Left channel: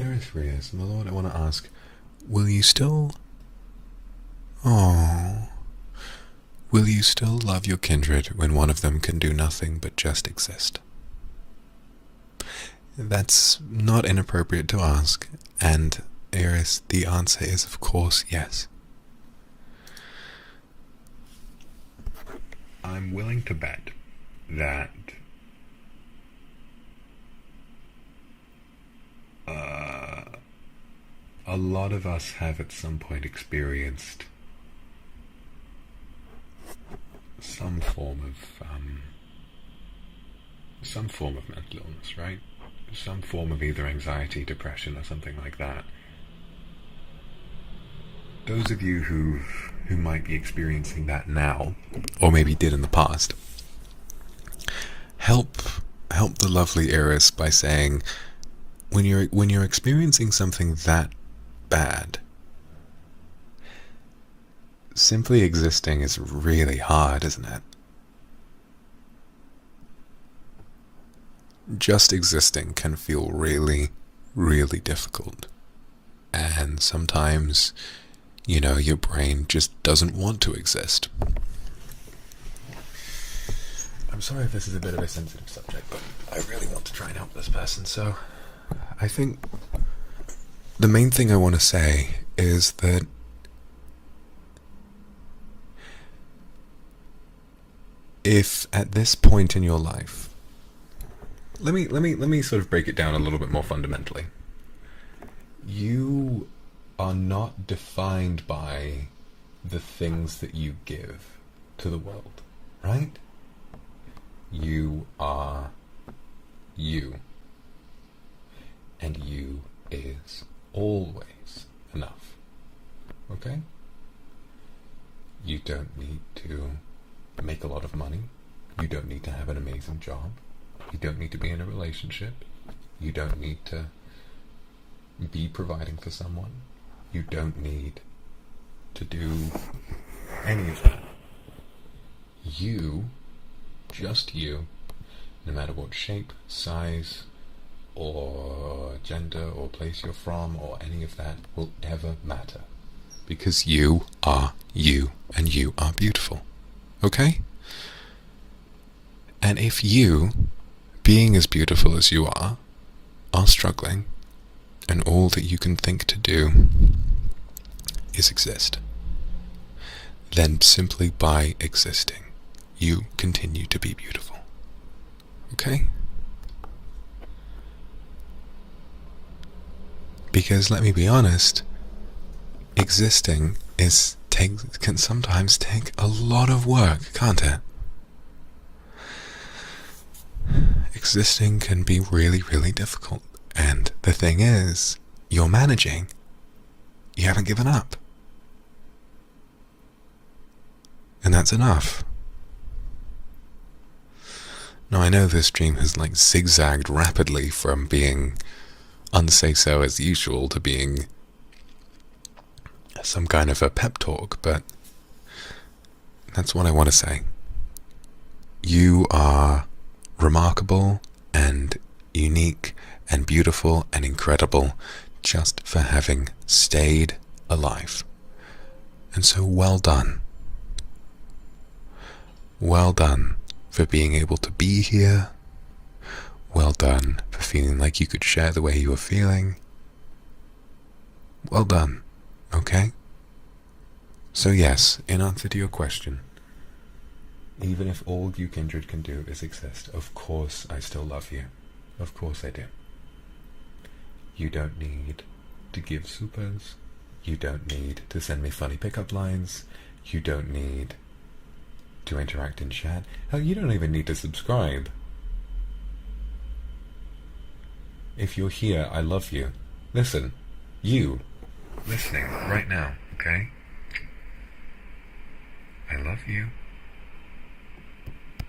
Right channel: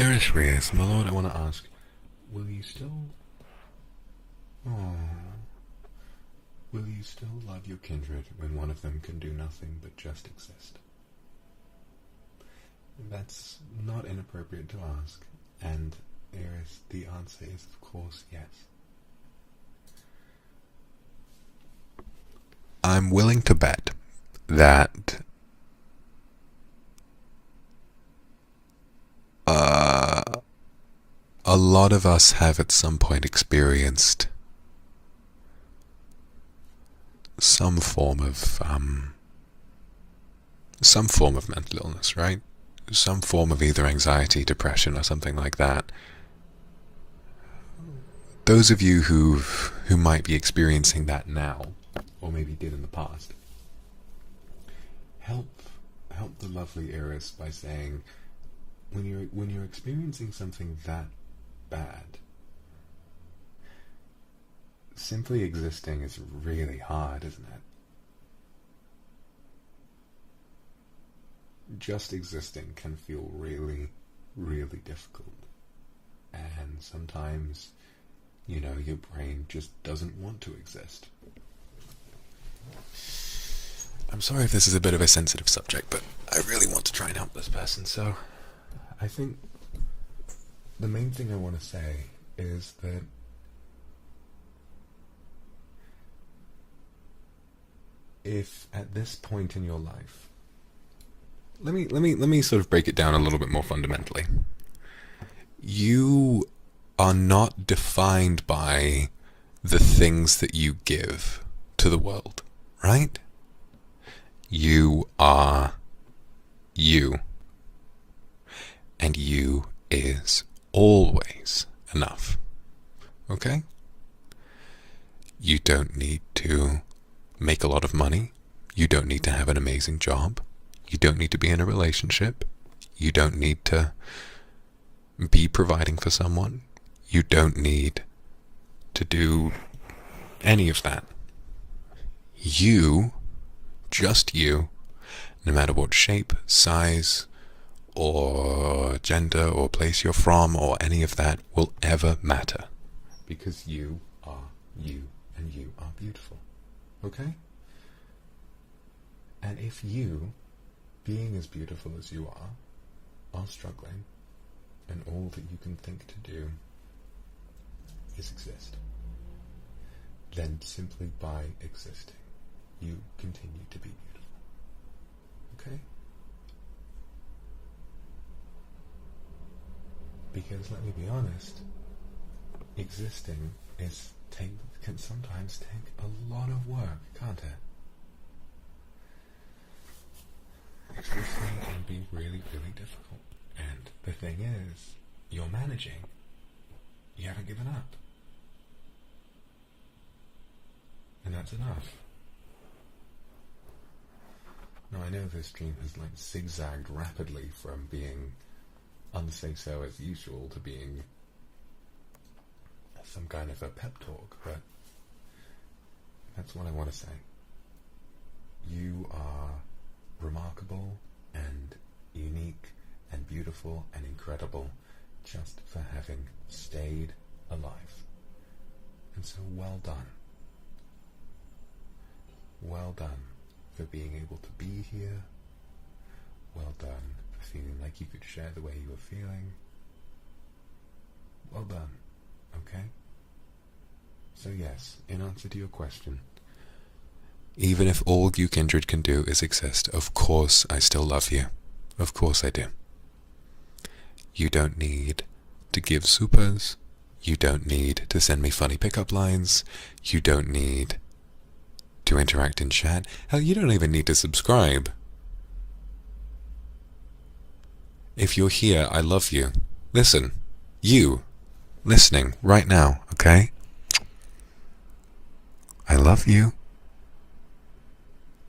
Erisweus, my lord, I want to ask, will you still... Oh... Will you still love your kindred when one of them can do nothing but just exist? That's not inappropriate to ask, and Eris, the answer is of course yes. I'm willing to bet that a lot of us have at some point experienced some form of mental illness, right? Some form of either anxiety, depression, or something like that. Those of you who might be experiencing that now, or maybe did in the past, help the lovely Eris by saying, when you're experiencing something that bad, simply existing is really hard, isn't it? Just existing can feel really, really difficult. And sometimes, your brain just doesn't want to exist. I'm sorry if this is a bit of a sensitive subject, but I really want to try and help this person, so I think the main thing I want to say is that if at this point in your life, let me sort of break it down a little bit more fundamentally. You are not defined by the things that you give to the world, right? You are you. And you is always enough. Okay? You don't need to make a lot of money. You don't need to have an amazing job. You don't need to be in a relationship. You don't need to be providing for someone. You don't need to do any of that. You, just you, no matter what shape, size, or gender, or place you're from, or any of that will ever matter. Because you are you, and you are beautiful. Okay? And if you, being as beautiful as you are struggling, and all that you can think to do is exist, then simply by existing, you continue to be beautiful. Okay? Because let me be honest, existing can sometimes take a lot of work, can't it? Existing can be really, really difficult. And the thing is, you're managing. You haven't given up. And that's enough. Now I know this stream has zigzagged rapidly from being unsay-so as usual to being some kind of a pep talk, but that's what I want to say. You are remarkable and unique and beautiful and incredible just for having stayed alive. And so well done. Well done for being able to be here. Well done for feeling like you could share the way you were feeling. Well done, okay? So yes, in answer to your question, even if all you kindred can do is exist, of course I still love you. Of course I do. You don't need to give supers. You don't need to send me funny pickup lines. You don't need to interact in chat. Hell, you don't even need to subscribe. If you're here, I love you. Listen, you, listening right now, okay? I love you.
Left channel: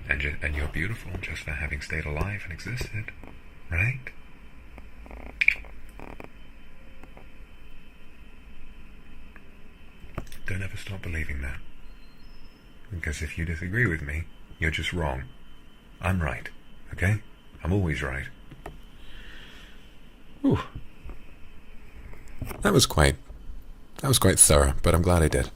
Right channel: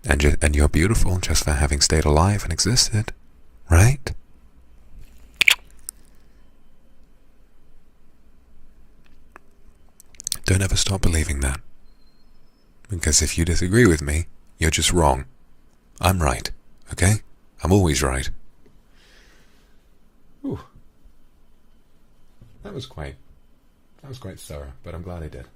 And you're beautiful just for having stayed alive and existed, right? Don't ever stop believing that. Because if you disagree with me, you're just wrong. I'm right, okay? I'm always right. Whew. That was quite thorough, but I'm glad I did.